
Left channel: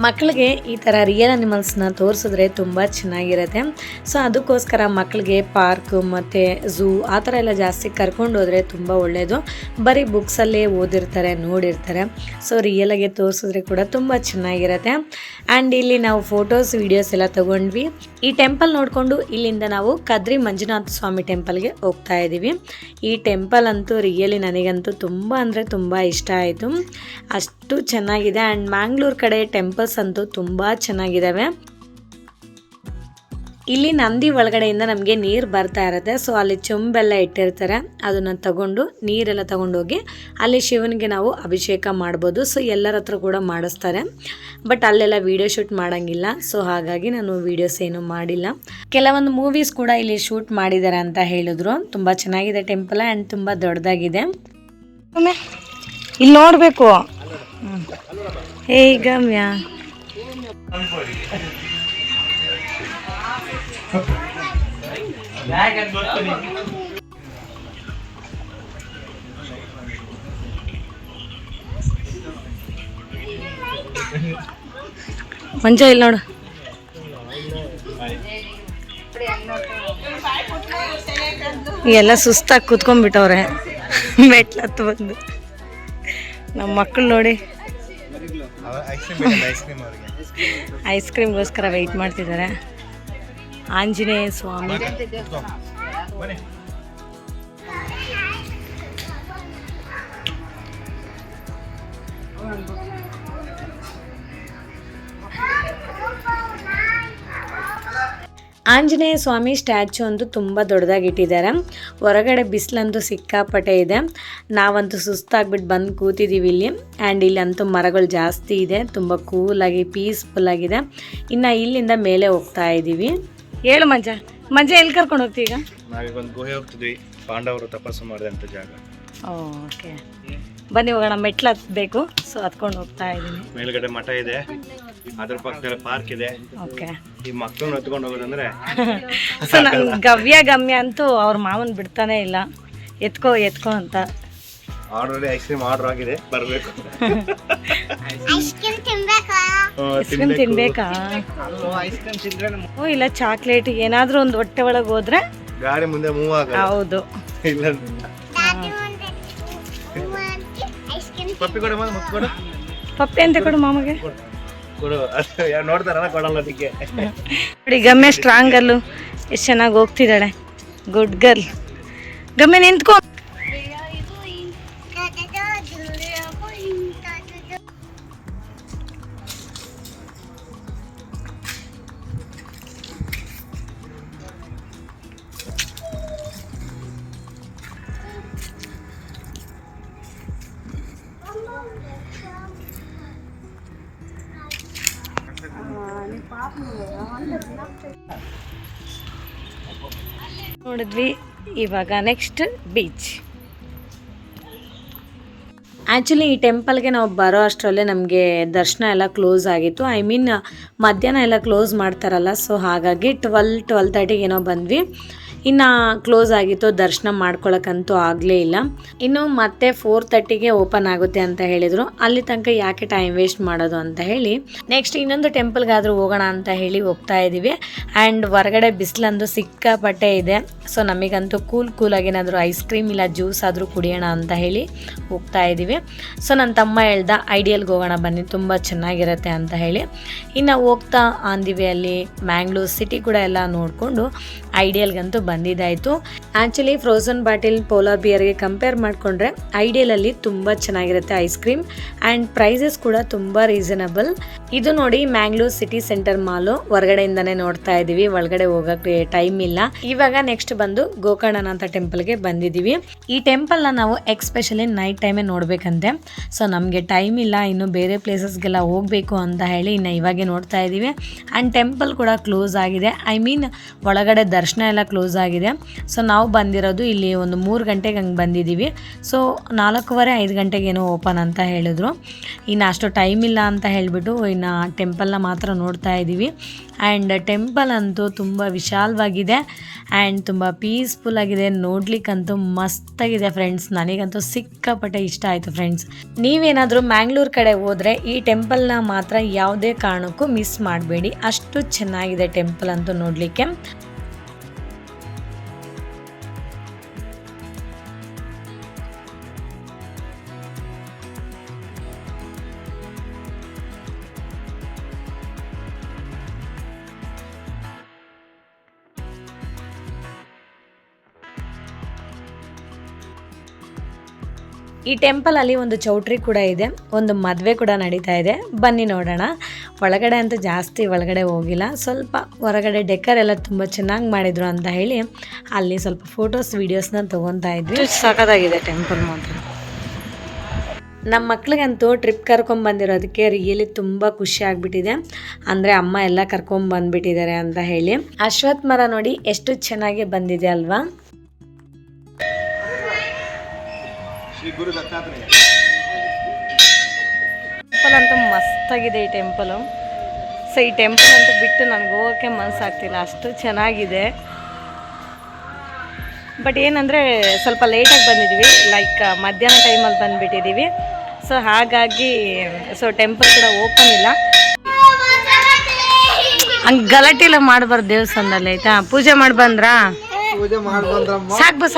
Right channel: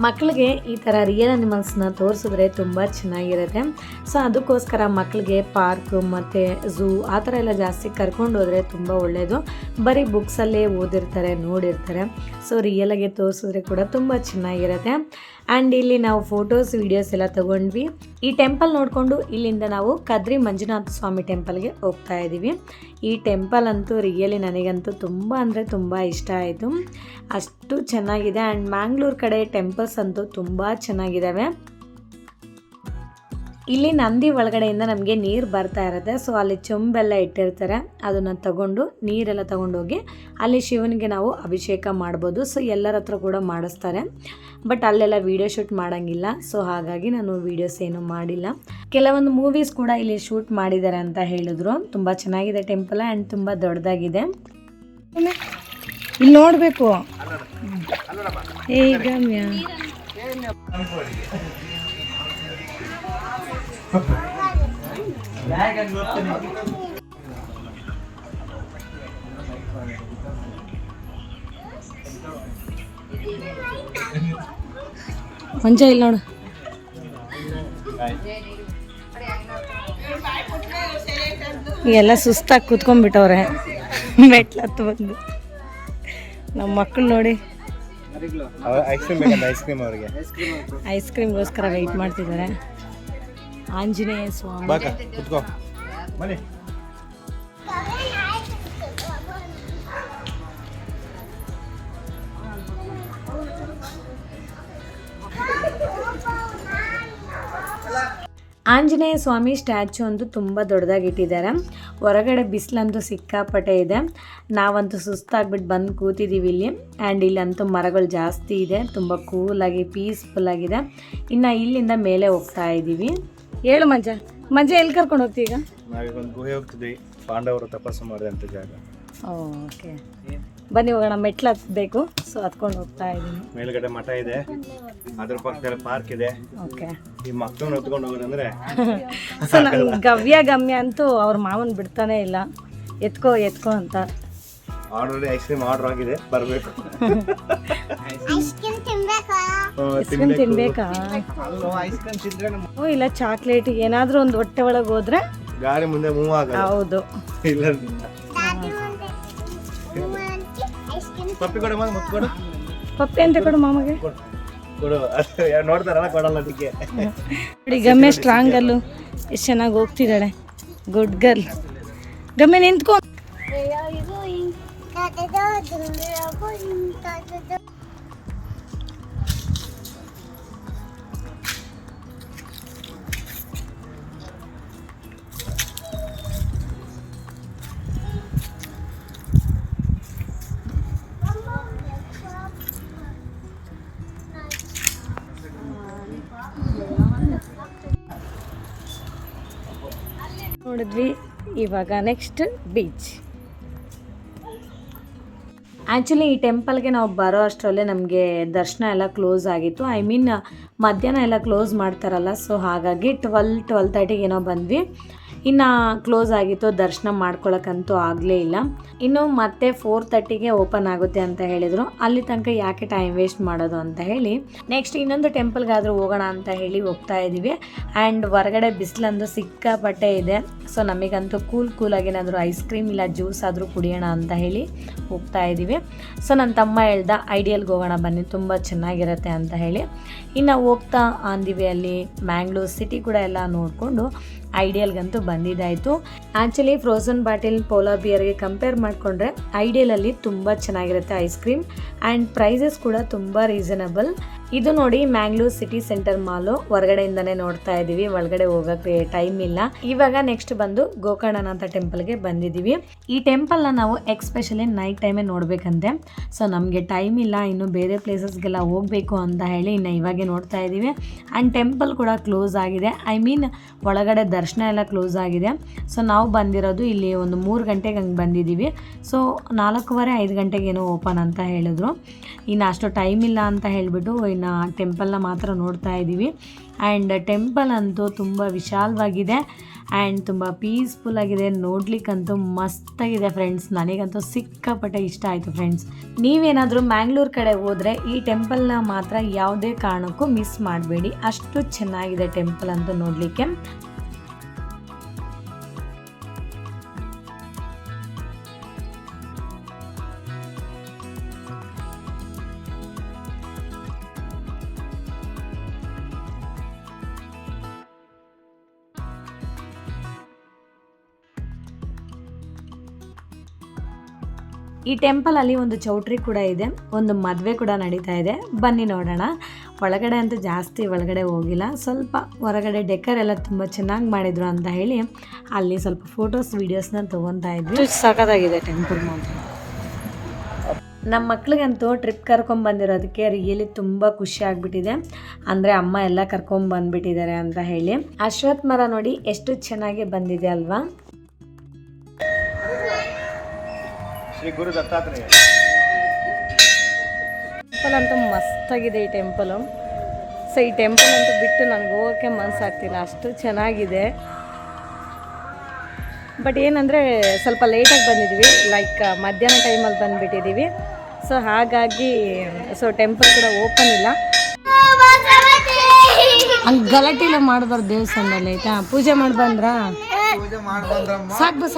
ಮಕ್ಕಳಿಗೆ ಈ ಥರ ರಿಯಲ್ ಅನಿಮಲ್ಸ್ನ ತೋರಿಸಿದ್ರೆ ತುಂಬ ಚೆನ್ನಾಗಿರುತ್ತೆ. ಸೊ ಅದಕ್ಕೋಸ್ಕರ ಮಕ್ಕಳಿಗೆ ಪಾರ್ಕ್ ಮತ್ತು ಝೂ ಆ ಥರ ಎಲ್ಲ ಜಾಸ್ತಿ ಕರ್ಕೊಂಡು ಹೋದರೆ ತುಂಬ ಒಳ್ಳೆಯದು. ಬರೀ ಬುಕ್ಸಲ್ಲೇ ಓದಿರ್ತಾರೆ, ನೋಡಿರ್ತಾರೆ. ಸೊ ರಿಯಲಾಗಿ ತೋರಿಸಿದ್ರೆ ಕೂಡ ತುಂಬ ಚೆನ್ನಾಗಿರುತ್ತೆ. ಆ್ಯಂಡ್ ಇಲ್ಲಿ ನಾವು ಫೋಟೋಸ್ ವೀಡಿಯೋಸ್ ಎಲ್ಲ ತೊಗೊಂಡ್ವಿ. ಈ ಟೆಂಪಲ್ ನೋಡಿಕೊಂಡು ಇಲ್ಲಿಂದ ನಾವು ಕದ್ರಿ ಮಂಜುನಾಥ ಸ್ವಾಮಿ ಟೆಂಪಲ್ಗೆ ಹೋಗ್ತಾ ಇದ್ದೀವಿ. ಈ ಟೆಂಪಲ್ ಅಂತೂ ರಿಯಲಿ ನನಗಂತೂ ತುಂಬ ಅಂದರೆ ತುಂಬ ಇಷ್ಟ ಆಯಿತು. ಅಷ್ಟು ಚೆನ್ನಾಗಿದೆ. ಆ್ಯಂಡ್ ಮ್ಯಾಂಗ್ಳೂರ್ ಕಡೆ ಟೆಂಪಲ್ಸ್ ಅಂತೂ ತುಂಬ ಚೆನ್ನಾಗಿದ್ದಾವೆ. ಇಲ್ಲಿ ನಂದಿ ಒಳಗಡೆಯಿಂದ ನಮಗೆ ನೀರು ಬರ್ತಾ ಇರುತ್ತೆ. ಸೊ ಅಲ್ಲಿ ಚೊಂಬೆಲ್ಲ ಇಟ್ಟಿರ್ತಾರೆ, ಅದನ್ನು ತಗೊಂಡು ನೀರೆಲ್ಲ ತಗೊಂಡೋಗಿ ಅಲ್ಲಿ ಶಿವನಿಗೆ ನಾವು ಅಭಿಷೇಕ ಮಾಡ್ಬೋದು. ಸೊ ಎಲ್ಲರ ಹತ್ರ ಕೂಡ ಮಾಡಿಸ್ತಾರೆ. ಬಟ್ ಅಲ್ಲೆಲ್ಲ ವೀಡಿಯೋ ಶೂಟ್ ಮಾಡೋಂಗಿಲ್ಲ. ಸೊ ಹಾಗಾಗಿ ನಾನು ವೀಡಿಯೋಸ್ ಏನು ಮಾಡಿಲ್ಲ. ಕೆಲವೊಂದು ಮೂವೀಸ್ ಕೂಡ ಇಲ್ಲಿ ಶೂಟ್ ಮಾಡಿದ್ದಾರೆ ಅಂತ ಹೇಳಿದ್ರು. ತುಂಬ ಚೆನ್ನಾಗಿದೆ ಟೆಂಪಲ್ ಆ್ಯಂಡ್ ತುಂಬ ದೊಡ್ಡದಾಗಿದೆ. ಇಲ್ಲಿ ನೋಡಬೇಕು. ಏ ಗಮ್ಯ ಮಂಜ ಇಲ್ಲಿ ನೋಡು. ಎಲ್ಲ ಸುಸ್ತಾಗಿ ಕೂತ್ಕೊಂಡ್ಬಿಟ್ಟವ್ರೆ ಮೆಟ್ಲತ್ತು ಬಂದು. ನಮ್ಮ ಮಕ್ಕಳು ನೋಡಿ ಐಸ್ ಕ್ರೀಮ್ ಅವರಿಗೆ ಐಸ್ ಕ್ರೀಮ್ಗೋಸ್ಕರ ವೆಯ್ಟ್ ಮಾಡ್ತಿದ್ದಾರೆ. ಆಂಜನೇಯ ಸ್ವಾಮಿ. ಆಂಜನೇಯ ಸ್ವಾಮಿ ಸ್ಟ್ಯಾಚು ಅಂತೂ ತುಂಬ ದೊಡ್ಡದಾಗಿ ಇಟ್ಟಿದ್ದಾರೆ. ಹೊರಗಡೆ ಬಿಸಿಲಂತೂ ಸಿಕ್ಕಾಪಟ್ಟೆ ಇದೆ. ನಾವಂತೂ ಸುಸ್ತಾಗ್ಬಿಟ್ಟು ಬಂದು ಕೂತಿದ್ದೀವಿ ಇಲ್ಲಿ. ಆ್ಯಂಡ್ ಇಲ್ಲಂತೂ ಮರಗಳು ಜಾಸ್ತಿ ಇದೆ, ತುಂಬ ಕೂಲಾಗಿ ಪೀಸ್ಫುಲ್ಲಾಗಿದೆ. ಇನ್ನು ಇಲ್ಲಿಂದ ಮೇಲೆ ಹೋಗ್ತಾ ಇದ್ದೀವಿ. ಹೇಳು ಮಂಜ ಎಲ್ಲಿ ಕರ್ಕೊಂಡು ಹೋಗ್ತೀವಿ ಈಗ? ನಾವೀಗ ಒಂದು ಗುಹೆ ಹೋಗ್ತಿದ್ವಿ, ಪಾಂಡವರು ತಪಸ್ಸು ಮಾಡಿದಂಥ ಜಾಗ. ಓಕೆ ಬನ್ನಿ ಹೋಗೋಣ. ಮೆಟ್ಲು ಹತ್ಬೇಕು, ಸೊ ಹತ್ಕೊಂಡು ಹೋಗ್ತಾ ಇದ್ದೀನಿ. ಮೇಲ್ಗಡೆ ಮಠ ಇದೆ, ಅದ್ರ ಪಕ್ಕದಲ್ಲಿ ಪಾರ್ಕ್ ಇದೆ. ಓಕೆ ಈ ಮಕ್ಕಳನ್ನ ಹೊತ್ಕೊಂಡು ಹೋಗೋದಂದ್ರೆ ಸೊ ನನ್ನ ಗಮ್ಯ ಅಂತೂ ಅವ್ರ ಮಾವನ್ ಬಿಡ್ತಾನೆ ಇಲ್ಲ, ಎತ್ಕೋ ಅಂತ. ಆಲ್ರೆಡಿ ಐಸ್ ಕ್ರೀಮ್ ಆರ್ಡರ್ ಆಗಿದೆ, ಬರಬೇಕು. Ice cream ತಿನ್ಬೇಕಾ? ತಿನ್ಬೇಕಾ? ಓ ಇಲ್ಲ, ಚಾಕ್ಲೇಟ್ ಏನಾದ್ರೂ ಒಂದು ಹೊಟ್ಟೆ ಒಳಗೆ ಹೋದ್ರೆ ಗಾಡಿ ಮುಂದೆ ಮೂವ್ ಆಗಲ್ಲ. ಹೌದು. ಇಲ್ಲ ಐಸ್ ಕ್ರೀಮ್ ಪಪ್ಪಿ ಕೊಡ, ಮುತ್ಕೊಡು. ಪಪ್ಪಿ ಅಂತ ಕೊಡು ಮಾಮಗೆ. ಕೊಡು, ನೋಡ್ತಾರಲ್ಲ ಕೊಡಲ್ಲ ಅದಕ್ಕೆ. ನೋಡಿ ಗಮ್ಯ ಸ್ಟ್ರಾಂಗ್ ಅಲ್ಲು ಎಷ್ಟು ಚೆನ್ನಾಗಿ ಹೋಗ್ತಿದ್ದಾಳೆ. Good girl. ಗಮ್ಯ ನಿಂತ್ಕೊ. ನೋಡಿದ್ವಿ, ಇವಾಗ ನೆಕ್ಸ್ಟ್ ಬೀಚ್. ಆ್ಯಕ್ಚುಲಿ ಈ ಟೆಂಪಲ್ಗೆ ನಾವು ಬರೋ ಅಷ್ಟರಲ್ಲೇ ನಮಗೆ ದರ್ಶನ ಎಲ್ಲ ಕ್ಲೋಸ್ ಆಗಿತ್ತು. ಐ ಮೀನ್ ಮಧ್ಯಾಹ್ನ ಎಲ್ಲ ಕ್ಲೋಸ್ ಮಾಡ್ತಾರಲ್ಲ, ಸೊ ಹಾಗಾಗಿ 12:30 ಏನೋ ಬಂದ್ವಿ. ಇನ್ನು ಕ್ಲೋಸ್ ಆಗಿತ್ತು, ದರ್ಶನ ಮಾಡ್ಕೊಳಕ್ಕಂತೂ ಆಗಲೇ ಇಲ್ಲ. ಇನ್ನು ಮತ್ತೆ 4:30ಗೆ ಓಪನ್ ಆಗುತ್ತೆ ಅಂತ ಹೇಳಿದರು. ಅಲ್ಲಿ ತನಕ ಯಾಕೆ ಟೈಮ್ ವೇಸ್ಟ್ ಮಾಡೋದು ಅಂತ ಹೇಳಿ ನೆಕ್ಸ್ಟ್ ಇನ್ನೊಂದು ಟೆಂಪಲ್ಗಾದರೂ ಹೋಗೋಣ ಅಂತ ಹೇಳಿ ಹೋಗ್ತಾ ಇದ್ದೀವಿ. ಆ್ಯಂಡ್ ಹೊರಗಡೆ ಬಿಸಿಲಂದು ಸಿಕ್ಕಾಪಟ್ಟೆ ಇದೆ. ಸೊ ನಮಗಂತೂ ಕೂಲಾಗಿ ಏನಾದರೂ ಐಸ್ ಕ್ರೀಮ್ ಇಲ್ಲ ಜ್ಯೂಸ್ ಆದರೂ ಕುಡಿಯೋಣ ಅಂತ ಹೇಳಿ ಹೋಗ್ತಾ ಇದ್ದೀವಿ. ಸೊ ನನ್ನ ತಮ್ಮ ಹೇಳ್ದ ಐಡಿಯಲ್ಗೆ ಹೋಗೋಣ ಬನ್ನಿ, ತುಂಬ ಚೆನ್ನಾಗಿರುತ್ತೆ ಅಂತ ಹೇಳಿ. ಇನ್ನು ಹೋಗ್ತಾ ಆಂದಿವಿ ಅಲ್ಲಿ ಮ್ಯಾಂಗ್ಳೂರ್ ಸಿಟಿ ಕೂಡ ಎಲ್ಲ ನೋಡಿಕೊಂಡು ಐಡಿಯಲ್ಗಂತೂ ಬಂದಿದ್ದಾಯಿತು. ಆ್ಯಕ್ಚುಲಿ ಫ್ರೋಝನ್ ಬಾಟಿಲ್ ಪೋಲಾರ್ ಬಿಯರ್ಗೆ ಕಂಪೇರ್ ಮಾಡಿಕೊಂಡ್ರೆ ಐಡಿಯಲಲ್ಲಿ ತುಂಬ ಚೆನ್ನಾಗಿರುತ್ತೆ ಐಸ್ ಕ್ರೀಮ್. ಆ್ಯಂಡ್ ಪ್ರೈಸಸ್ ಕೂಡ ತುಂಬ ರೀಸನಬಲ್. ಇದು ನೋಡಿ ಮ್ಯಾಂಗ್ಳೂರ್ ಸಿಟಿ ಸೆಂಟರ್ ಮಾಲು, ಹೊರಗಡೆಯಿಂದನೇ ನೋಡ್ತಾ ಇದ್ದೀವಿ, ಒಳಗಡೆ ಹೋಗೋಕ್ಕೆ ಟೈಮ್ ಇಲ್ಲ. ಇವಾಗ ನೆಕ್ಸ್ಟ್ ಬಂದು ಗೋಕರ್ಣನಾಥ ಟೆಂಪಲ್ಗೆ ಬಂದಿದ್ದೀವಿ. ಈ ಟೆಂಪಲ್ನ ನಾವು ಎಕ್ಸ್ಪೆಷಲಿ ನೈಟ್ ಟೈಮೇ ನೋಡಬೇಕಂತೆ. ಸೊ ನಮಗೆ ಟೈಮ್ ಇಲ್ಲ, ಇನ್ನು ಬೇರೆ ಪ್ಲೇಸಸ್ಗೆಲ್ಲ ಹೋಗಬೇಕು ಅಂತ ಹೇಳಿ ಇನ್ನು ಇವಾಗೆ ನೋಡ್ತಾ ಇದ್ದೀವಿ. ಆ್ಯಂಡ್ ಟೆಂಪಲ್ ಕೂಡ ಕ್ಲೋಸ್ ಆಗಿದೆ, ಐ ಮೀನ್ ಒಳಗಡೆ ದರ್ಶನ ಎಲ್ಲ ಕ್ಲೋಸ್ ಆಗಿದೆ. ಸೊ ನಾವು ಬಂದಿರೋದು ಇಲ್ಲಿ ಒಂದು 3 ಗಂಟೆಗೆ ಹಂಗೆ ಬಂದಿದ್ದೀವಿ. ಸೊ 4:15 ಗಂಟೆಗೇನೋ ಓಪನ್ ಅಂತ ಹೇಳಿದ್ರು. ಇನ್ನು ಅಷ್ಟು ಟೈಮ್ ಇಲ್ಲ ಅಂತ ಹೇಳಿಬಿಟ್ಟು ಇನ್ನು ಟೆಂಪಲ್ನ ಮಾತ್ರ ನೋಡ್ತಾ ಇದ್ದೀವಿ. ಆ್ಯಂಡ್ ಟೆಂಪಲ್ ಅಂತೂ ತುಂಬ ವಿಶಾಲವಾಗಿದೆ ಆ್ಯಂಡ್ ತುಂಬ ಪೀಸ್ಫುಲ್ ಆಗಿದೆ. ನೋಡ್ಲಿಕ್ಕಂತೂ ಮಸ್ತಾಗಿದೆ ಫ್ರೆಂಡ್ಸ್. ನನಗಂತೂ ಸಿಕ್ಕಾಪಟ್ಟೆ ಇಷ್ಟ ಆಯಿತು ಫ್ರೆಂಡ್ಸ್. ನೀವೇನಾದರೂ ಮ್ಯಾಂಗ್ಳೂರ್ ಕಡೆ ಹೋದರೆ ಈ ಟೆಂಪಲ್ನ ಮಾತ್ರ ಯಾವುದೇ ಕಾರಣಕ್ಕೂ ಮಿಸ್ ಮಾಡಬೇಡಿ, ಅಷ್ಟು ಚೆನ್ನಾಗಿದೆ ಟೆಂಪಲ್ ಅಂತೂ ನೋಡಲಿಕ್ಕೆ. ಈ ಟೆಂಪಲಲ್ಲಿ ಒಂದು ಚೌಟ್ರಿ ಕೂಡ ಇದೆ, ಒಂದು ಮದುವೆ ಕೂಡ ನಡೀತಾ ಇದೆ. ಬನ್ನಿ ನೋಡೋಣ. ಒಳಗಡೆ ಅಂತೂ ಜಾಸ್ತಿ ಒಳಗಡೆ ಹೋಗಿಲ್ಲ, ಸ್ವಲ್ಪ ಹೊರಗಡೆ ಡೆಕರ್ ಎಲ್ಲ ತುಂಬ ಚೆನ್ನಾಗಿ ಮಾಡಿದ್ರು ಅಂತ ಹೇಳಿ ಅಲ್ಲಿ ಸ್ವಲ್ಪ ಫೋಟೋಸ್ ವೀಡಿಯೋಸ್ನ ತೊಗೊತಾ ಇದ್ವಿ. ಸಖತ್ತಾಗಿದೆ ಟೆಂಪಲ್ ಮಾತ್ರ. ನಮ್ಮ ಮಕ್ಳಿಗಂತೂ ಟ್ರಿಪ್ ಕರ್ಕೊಂಬಂದಿರೋದಕ್ಕೆ ರಿಯಲಿ ತುಂಬ ಖುಷಿ ಆಗಿಬಿಟ್ಟಿದೆ. ಅಂದರೆ ಅಮ್ಮ ಎಲ್ಲ ಕರ್ಕೊಂಬಂದ್ಬಿಟ್ಟಿದ್ದಾರೆ ಅಂತ ಹೇಳಿ. ಅಶ್ವತ್ಥ ಮರ ನೋಡಿ ಎಷ್ಟು ಚೆನ್ನಾಗಿ ಬಂದಿದೆ ಅಲ್ವಾ. ಟೆಂಪಲ್ ಅಂತೂ ಮಸ್ತಾಗಿದೆ ಈ ಟೆಂಪಲು. ಸೊ ಈ ಟೆಂಪಲ್ ಅಂತೂ ಬಿಟ್ಟು ನನಗೆ ಹೋಗೋಕ್ಕೆ ಮನಸ್ಸಾಗ್ತಿಲ್ಲ, ಅಷ್ಟು ಚೆನ್ನಾಗಿದೆ. ಬಟ್ ಏನಂದರೆ ಸ್ವಲ್ಪ ಲೇಟಾಗಿ ಬಂದಿದ್ದೀವಿ, ಲೈಕ್ ಮಧ್ಯಾಹ್ನ ಟೈಮಲ್ಲಿ ಬಂದುಬಿಟ್ಟಿದ್ದೀವಿ. ಸೊ ಹಾಗಾಗಿ ಟೆಂಪಲ್ ಕೂಡ ಓಪನ್ ಇಲ್ಲ. ಹಂಗೆ ಗಲಾಟೆ ಎಲ್ಲ ಮಾಡಬಾರ್ದು ದೇವಸ್ಥಾನದಲ್ಲಿ, ಆಯಿತಾ? ಪೂಜೆ ಮಾಡಿ ಬಂದ್ರಾ? ಸಾಕು ಬಾ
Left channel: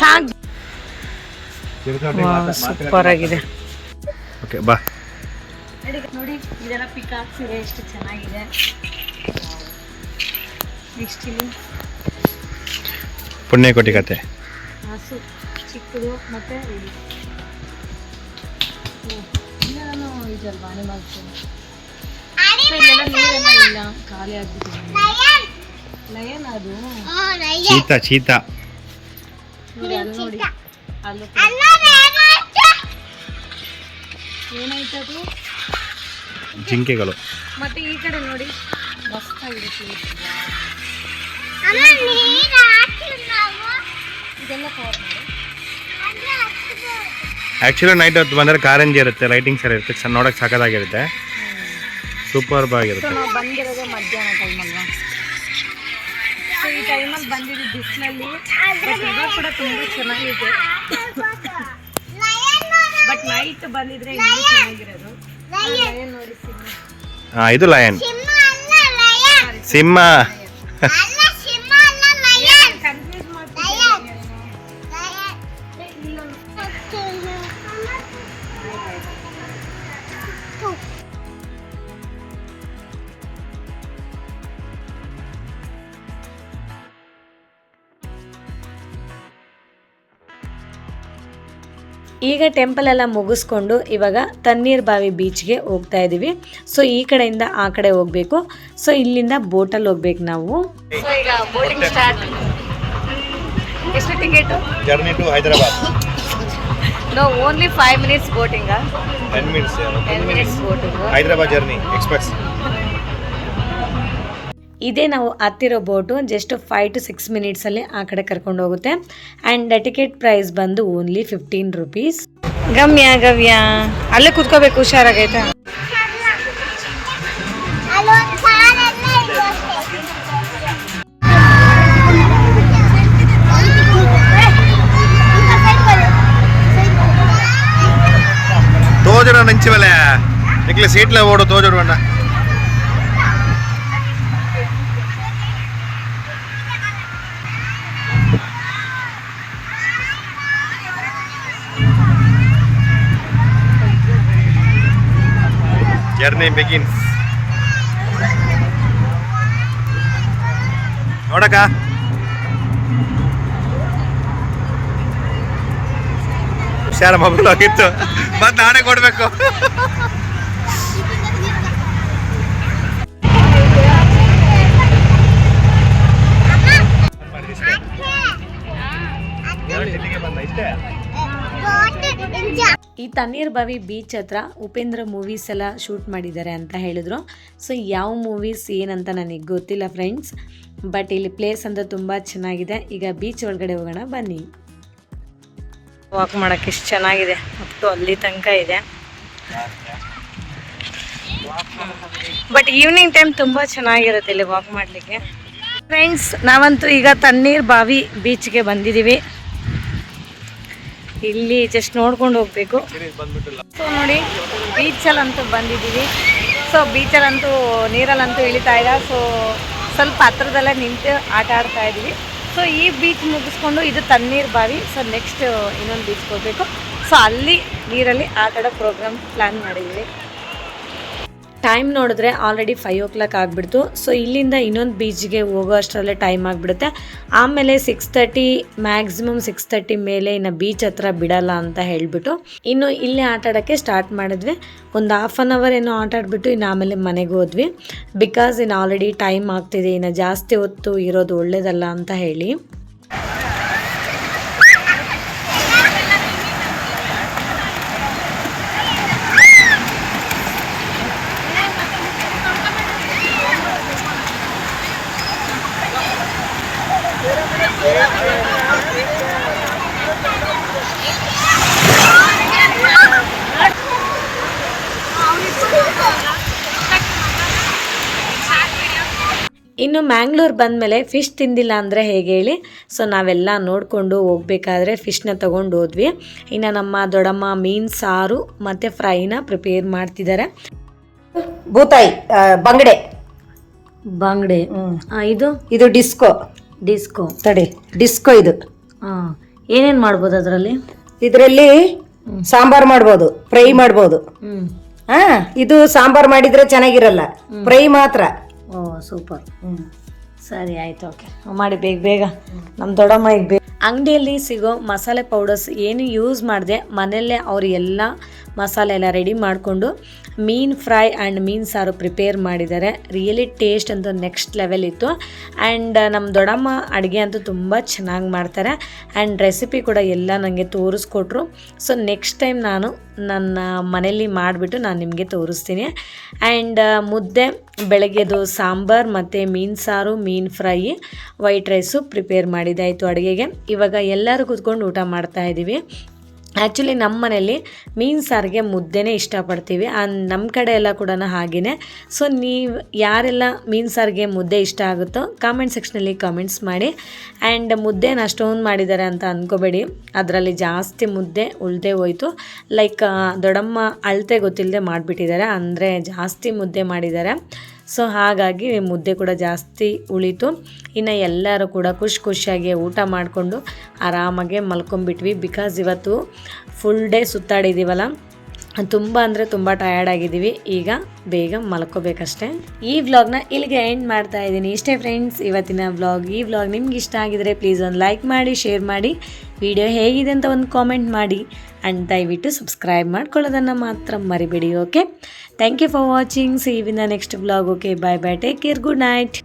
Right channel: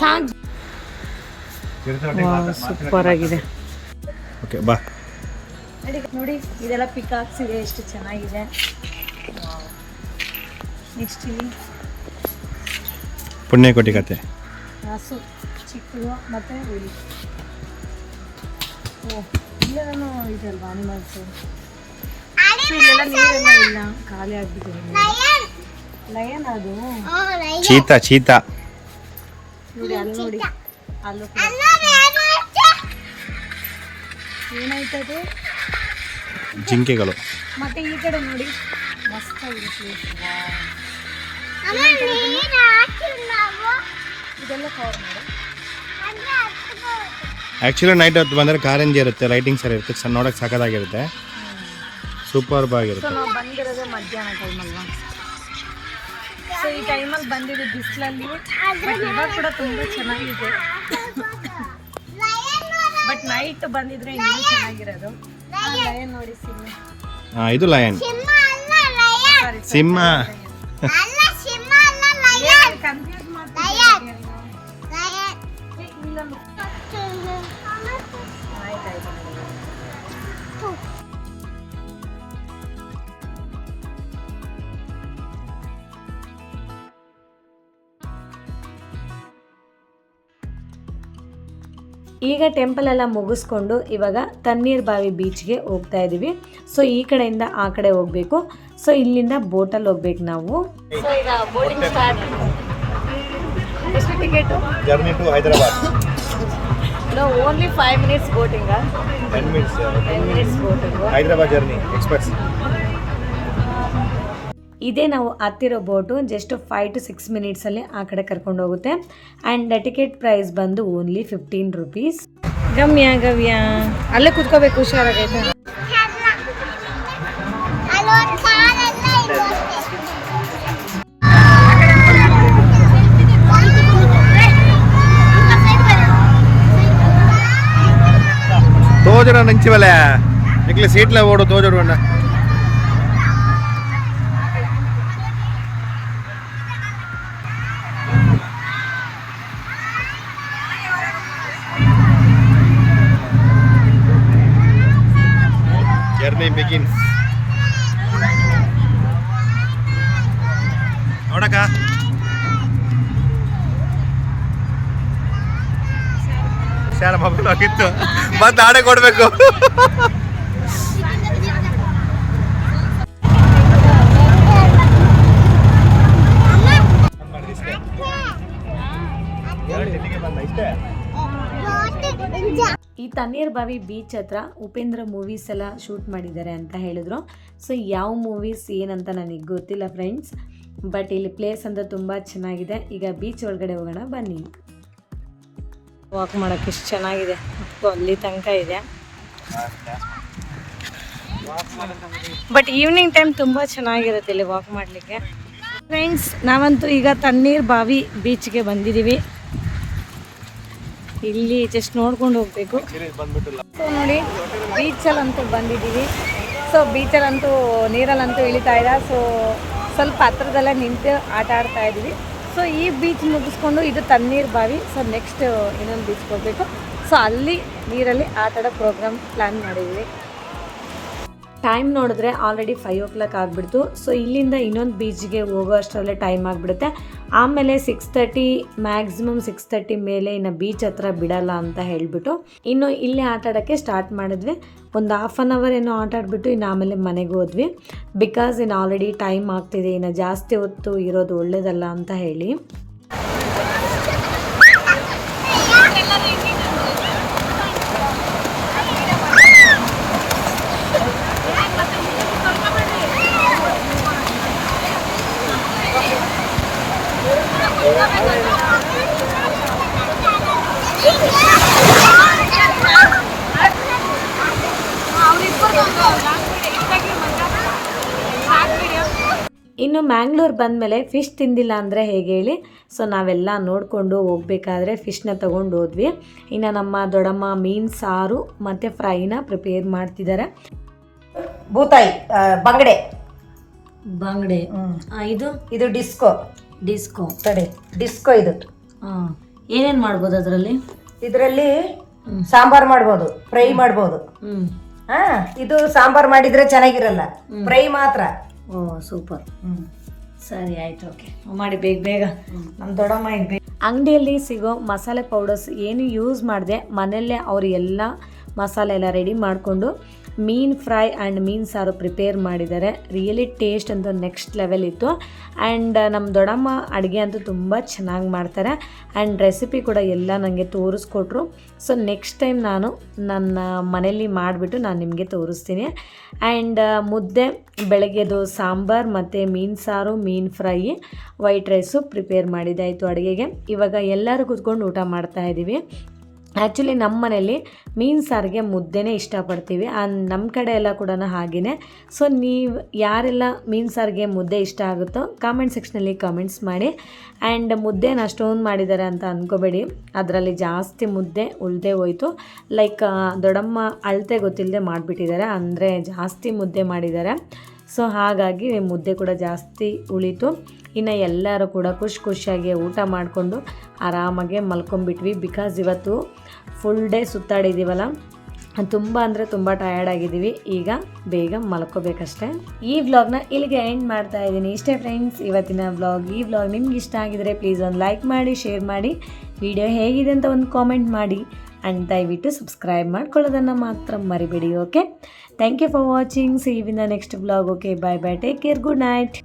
ಸಾಕು. ಸೂಪರ್ ಆಗಿದೆ. ಓಕೆ ಬಾ. ನೋಡಿ ಇದೆಲ್ಲ ಪಿಕಾಕ್ಸ್ ಇದೆ, ಎಷ್ಟು ಚೆನ್ನಾಗಿದೆ. ನೆಕ್ಸ್ಟ್ ಇಲ್ಲಿ ಪುಣ್ಯಕೋಟಿ ಕತೆ. ಹಸು ಚಿಕ್ಕದು ಮತ್ತು ಇಲ್ಲಿ ಇಲ್ಲೆಲ್ಲ ಇದಲ್ವಾ ಅನಿಮಲ್ಸು. ಇಲ್ಲೆಲ್ಲ ನೀರೆಲ್ಲ ಇಲ್ಲ, ಖಾಲಿ ಆಗ್ಬಿಟ್ಟಿದೆ. ಲಯನ್ ಅದು ಚೀತಾ ನೋಡಿ, ಅಲ್ಲಿ ನೋಡಿ ಅಲ್ಲೂ ಏನಾಯ್ತದು. ಜಿಂಕೆಗಳು. ಮತ್ತೆ ಈ ಕಡೆ ನೋಡಿ ಮಸ್ತಾಗಿದೆ ಪ್ಲೇಸ್. ಇದೆಲ್ಲ ಕವರ್ ಮಾಡಿ. ಆ್ಯಕ್ಚುಲಿ ನೈಟ್ ಹೊತ್ತು ಬಂದರೆ ಕಾರಂಜಿ ಇರುತ್ತೆ, ಲೈಟಿಂಗ್ಸ್ ಎಲ್ಲ ಇರುತ್ತೆ, ನೋಡೋಕೆ ಸಖತ್ತಾಗಿರುತ್ತೆ, ಸೂಪರ್ಬ್ ಆಗಿರುತ್ತೆ. ಬಂದಿರೋದು ಮಧ್ಯಾಹ್ನ ಟೈಮಲ್ವಾ, ಸೊ ಈ ಟೈಮಲ್ಲಿ ಬಂದಿದ್ದು ಬಿಸಿಲಲ್ಲಿ. ಬಟ್ ಇವಾಗ ಕೂಡ ತುಂಬ ಚೆನ್ನಾಗಿದೆ. ಬಟ್ ನೈಟ್ ಬಂದಿದ್ರೆ ಇನ್ನೂ ಚೆನ್ನಾಗಿರೋದು. ಲಯನ್ ನೋಡಿ, ಸಿಂಹ. ಹಾಂ, ಇದು ಲಯನ್. ಸಿಂಹ. ಕನ್ಫ್ಯೂಸ್ ಮಾಡ್ತೀನಿ. ಈಗ ಟೆಂಪಲ್ ಎಲ್ಲ ಮುಗಿಸ್ಕೊಂಡು ಇವಾಗ ತಣ್ಣೀರ್ ಬಾವಿ ಬೀಚ್ಗೆ ಹೋಗ್ತಾ ಇದ್ದೀವಿ. ಸೊ ಈ ಕಡೆಯಿಂದ ಆ ಕಡೆ ಹೋಗಬೇಕು. ಸೊ ಇಲ್ಲಿಂದ ಬೋಟಲ್ಲಿ ಹೋಗ್ಬೇಕು ನಾವು. ಸೊ ಈಗ ಬೋಟಿಂಗ್ ಸ್ಟಾರ್ಟ್. ಎಷ್ಟು ticket? Journey to Hyderabad. No, only 5 minutes boating. 10 minutes. 10 minutes boating. Hyderabad journey express. ಇದೇ ನಾವು ಹತ್ತಿರೋ ಬೋಟು. ಜಸ್ಟ್ 5 to 6 minutesಲ್ಲಿ ಆ ಕಡೆ ಕರ್ಕೊಂಡು ಹೋಗುತ್ತೆ. ಆ್ಯಂಡ್ ಟಿಕೆಟ್ ಪ್ರೈಸ್ ಬಂದು ಓನ್ಲಿ 15 rupees. ಗವ್ಯ ಅಲ್ಲೇ ಕೂತ್ಕೋಬೇಕು, ಹುಷಾರಾಗೈತಾ? తోజడం నుంచి వలే నీకు సీట్లో ఓడు తోజడు అన్న. Journey begins. ನೋಡಕ ಹುಷಾರ ಮಗಳು ಆಗಿತ್ತು, ಮತ್ತೆ ಆಡೆ ಕೊಡ್ಬೇಕು. ಈ ತಣ್ಣೀರ್ ಬಾವಿ ಬೀಚ್ ಹತ್ರ ಉಪೇಂದ್ರ ಮೂವೀಸ್ ಎಲ್ಲ ಶೂಟ್ ಮಾಡಿದ್ದಾರೆ ಅಂತ ಹೇಳಿದ್ರು. ಸೊ ಯಾವ ಮೂವೀಸ್ ಏನಂತ ನನಗೆ ಗೊತ್ತಿಲ್ಲ ಫ್ರೆಂಡ್ಸ್, ಬಟ್ ಇಲ್ಲಿ ಪ್ಲೇಸ್ ಅಂತ ತುಂಬ ಚೆನ್ನಾಗಿದೆ. ಈಗ ಬೀಚ್ ಒಳಗಡೆ ಹೋಗೋಣ ಬನ್ನಿ. ವಾಕ್ ಮಾಡೋಕ್ಕೆ ಎಷ್ಟು ಚೆನ್ನಾಗಿದೆ, ಮತ್ತು ಅಲ್ಲಿ ತನಕ ಇದೆ. ಬಟ್ ಈವ್ನಿಂಗ್ ಟೈಮ್ ತುಂಬ ಚೆನ್ನಾಗಿರುತ್ತೆ ಇಲ್ಲಿ ವಾಕ್ ಮಾಡಲಿಕ್ಕೆ. ಫ್ರೆಂಡ್ಸ್, ನಾವಂತೂ ಈಗ ತಣ್ಣೀರ್ ಬಾವಿ ಬೀಚ್ಗೆ ಬಂದಿದ್ದೀವಿ. ಇಲ್ಲಿ ಜಸ್ಟ್ ನೋಡ್ಕೊಂಡು ಹೋಗ್ಬೇಕು. ಸೊ ನೋಡಿ, ಬೀಚಲ್ಲಂತೂ ಬಂದಿದ್ದೀವಿ. ಸೊ ಬೀಚಲ್ಲಂತೂ ನೀರಲ್ಲಂತೂ ಇಳಿತಾ ಇಲ್ಲ. ಸೊ ಸ್ವಲ್ಪ ಹತ್ರದಲ್ಲೇ ನಿಂತು ಆಟ ಆಡ್ತಾ ಇದ್ದೀವಿ. ಸೊ ಈ ಬೀಚ್ ಮುಗಿಸ್ಕೊಂಡು ಇದು ತಣ್ಣೀರ್ ಬಾವಿ. ಸೊ ನೆಕ್ಸ್ಟ್ ಇನ್ನೊಂದು ಬೀಚ್ಗೆ ಹೋಗಬೇಕು. ಸೊ ಅಲ್ಲಿ ನೀರಲ್ಲಿ ಆಟ ಆಡೋ ಪ್ರೋಗ್ರಾಮ್ ಪ್ಲ್ಯಾನ್ ಮಾಡಿದ್ದೀವಿ. ಟೈಮ್ ನೋಡಿದ್ರೆ ಆಲ್ರೆಡಿ 5 o'clock ಆಗಿಬಿಡ್ತು. ಸೊ ಇಲ್ಲಿಂದ ಇನ್ನೊಂದು ಬೀಚ್ಗೆ ಹೋಗೋ ಅಷ್ಟರಲ್ಲೇ ಟೈಮ್ ಆಗಿಬಿಡುತ್ತೆ. ಆಮೇಲೆ 6:30 ಮ್ಯಾಕ್ಸಿಮಮ್ 6:30 ಮೇಲೆ ಇನ್ನು ಬೀಚ್ ಹತ್ರ ಬಿಡಲ್ಲ ಅಂತ ಹೇಳಿಬಿಟ್ಟು ಇನ್ನು ಇಲ್ಲೇ ಆಟ ಆಡೋಕ್ಕೆ ಸ್ಟಾರ್ಟ್ ಮಾಡಿದ್ವಿ. ಒಂದು 1/2 hour ಏನೋ ಆಟ ಆಡಿಬಿಟ್ಟು ಇನ್ನು ಆಮೇಲೆ ಮನೆಗೆ ಹೋದ್ವಿ. ಬಿಕಾಸ್ ಇನ್ನು ಆಲ್ರೆಡಿ ಟೈಮ್ ಆಗ್ತಿದೆ, ಇನ್ನು ಜಾಸ್ತಿ ಹೊತ್ತು ಇರೋದು ಒಳ್ಳೇದಲ್ಲ ಅಂತ ಹೇಳಿ. ಇನ್ನು ಮ್ಯಾಂಗ್ಳೂರ್ ಬಂದಮೇಲೆ ಫಿಶ್ ತಿಂದಿಲ್ಲ ಅಂದರೆ ಹೇಗೆ ಹೇಳಿ. ಸೊ ನಾವೆಲ್ಲ ನೋಡಿಕೊಂಡು ಹೋಗ್ಬೇಕಾದ್ರೆ ಫಿಶ್ನ ತೊಗೊಂಡು ಹೋದ್ವಿ. ಇನ್ನು ನಮ್ಮ ದೊಡ್ಡಮ್ಮ ಮೀನು ಸಾರು ಮತ್ತು ಫ್ರೈನ ಪ್ರಿಪೇರ್ ಮಾಡ್ತಿದ್ದಾರೆ. ಬೂತಾಯಿ ಬಂಗಡೆ ಬಂಗಡೆ. ಇದು ಇದು ಡಿಸ್ಕೋ ಡಿಸ್ಕೋ ತಡಿ ಡಿಸ್ಕೋ ಇದು. ಹಾಂ, ಏನೇನು ಮಾಡ್ಬೋದು ಅದರಲ್ಲಿ? ಇದರಲ್ಲಿ ಸಾಂಬಾರ್ ಮಾಡ್ಬೋದು, ಫ್ರೈ ಮಾಡ್ಬೋದು. ಹಾ, ಇದು ಸಾಂಬಾರ್ ಮಾಡಿದ್ರೆ ಚೆನ್ನಾಗಿರಲ್ಲ, ಫ್ರೈ ಮಾತ್ರ. ಓ ಸೂಪರ್. ಸರಿ ಆಯ್ತು, ಓಕೆ ಮಾಡಿ ಬೇಗ ಬೇಗ. ನಮ್ಮ ದೊಡ್ಡಮ್ಮ ಈಗ ಬೇಗ ಅಂಗಡಿಯಲ್ಲಿ ಸಿಗೋ ಮಸಾಲೆ ಪೌಡರ್ಸ್ ಏನು ಯೂಸ್ ಮಾಡಿದೆ, ಮನೆಯಲ್ಲೇ ಅವರು ಎಲ್ಲ ಮಸಾಲೆ ಎಲ್ಲ ರೆಡಿ ಮಾಡಿಕೊಂಡು ಮೀನು ಫ್ರೈ ಆ್ಯಂಡ್ ಮೀನು ಸಾರು ಪ್ರಿಪೇರ್ ಮಾಡಿದ್ದಾರೆ. ರಿಯಲಿ ಟೇಸ್ಟ್ ಅಂತೂ ನೆಕ್ಸ್ಟ್ ಲೆವೆಲ್ ಇತ್ತು. ಆ್ಯಂಡ್ ನಮ್ಮ ದೊಡ್ಡಮ್ಮ ಅಡುಗೆ ಅಂತೂ ತುಂಬ ಚೆನ್ನಾಗಿ ಮಾಡ್ತಾರೆ. ಆ್ಯಂಡ್ ರೆಸಿಪಿ ಕೂಡ ಎಲ್ಲ ನನಗೆ ತೋರಿಸ್ಕೊಟ್ರು. ಸೊ ನೆಕ್ಸ್ಟ್ ಟೈಮ್ ನಾನು ನನ್ನ ಮನೇಲಿ ಮಾಡಿಬಿಟ್ಟು ನಾನು ನಿಮಗೆ ತೋರಿಸ್ತೀನಿ. ಆ್ಯಂಡ್ ಮುದ್ದೆ, ಬೆಳಗ್ಗೆದು ಸಾಂಬಾರು ಮತ್ತು ಮೀನು ಸಾರು, ಮೀನು ಫ್ರೈ, ವೈಟ್ ರೈಸು ಪ್ರಿಪೇರ್ ಮಾಡಿದ್ದಾಯಿತು ಅಡುಗೆಗೆ. ಇವಾಗ ಎಲ್ಲರೂ ಕೂತ್ಕೊಂಡು ಊಟ ಮಾಡ್ತಾಯಿದ್ದೀವಿ. ಆ್ಯಕ್ಚುಲಿ ನಮ್ಮ ಮನೇಲಿ ಮೀನು ಸಾರಿಗೆ ಮುದ್ದೆನೇ ಇಷ್ಟಪಡ್ತೀವಿ. ನಮ್ಮ ಕಡೆ ಎಲ್ಲ ಕೂಡ ಹಾಗೆಯೇ. ಸೊ ನೀವು ಯಾರೆಲ್ಲ ಮೀನು ಸಾರಿಗೆ ಮುದ್ದೆ ಇಷ್ಟ ಆಗುತ್ತೋ ಕಾಮೆಂಟ್ ಸೆಕ್ಷನಲ್ಲಿ ಕಾಮೆಂಟ್ಸ್ ಮಾಡಿ. ಆ್ಯಂಡ್ ಮುದ್ದೆನ ಅಷ್ಟೊಂದು ಮಾಡಿದ್ದಾರೆ ಅಂತ ಅಂದ್ಕೋಬೇಡಿ, ಅದರಲ್ಲಿ ಜಾಸ್ತಿ ಮುದ್ದೆ ಉಳಿದೇ ಹೋಯಿತು. ಲೈಕ್ ದೊಡ್ಡಮ್ಮ ಅಳತೆ ಗೊತ್ತಿಲ್ಲದೆ ಮಾಡಿಬಿಟ್ಟಿದ್ದಾರೆ, ಅಂದರೆ ಜಾಸ್ತಿ ಮುದ್ದೆ ಮಾಡಿದ್ದಾರೆ. ಸೊ ಹಾಗಾಗಿ ಮುದ್ದೆ ಕೂಡ ಜಾಸ್ತಿ ಉಳಿತು. ಇನ್ನು ಎಲ್ಲರೂ ಕೂಡ ಖುಷಿಯಾಗಿ ಊಟ ಮಾಡಿಕೊಂಡು ಆರಾಮಾಗೆ ಮಲ್ಕೊಂಡ್ಬಿಟ್ವಿ. ಬಿಕಾಸ್ ಇವತ್ತು ಫುಲ್ ಡೇ ಸುತ್ತಾಡಿದ್ದೀವಲ್ಲ, ತುಂಬ ಅಂದರೆ ತುಂಬ ಟಯರ್ಡ್ ಆಗಿದ್ದೀವಿ. ಈಗ ಬೇಗ ಮಲ್ಕೋಬೇಕಷ್ಟೆ. ಈ ವ್ಲಾಗ್ನ ಇಲ್ಲಿಗೆ ಎಂಡ್ ಮಾಡ್ತಾ ಇದ್ದೀನಿ. ಇಷ್ಟೇ ಫ್ರೆಂಡ್ಸ್ ಇವತ್ತಿನ ವ್ಲಾಗ್. ಈ ವ್ಲಾಗ್ ನಿಮ್ಗೆ ಇಷ್ಟ ಆಗಿದರೆ ಪ್ಲೀಸ್ ಒಂದು ಲೈಕ್ ಮಾಡಿ, ಶೇರ್ ಮಾಡಿ, ವಿಡಿಯೋ ಹೇಗಿದೆ ಅಂತ ಒಂದು ಕಾಮೆಂಟ್ ಮಾಡಿ. ಆ್ಯಂಡ್ ದಯವಿಟ್ಟು ಸಬ್ಸ್ಕ್ರೈಬ್ ಮಾಡ್ಕೊಳ್ಳೋದನ್ನು ಮಾತ್ರ ಮರಿಬೇಡಿ. Okay, thank you for watching. See you in the next vlog. Okay, bye bye, take care, good night.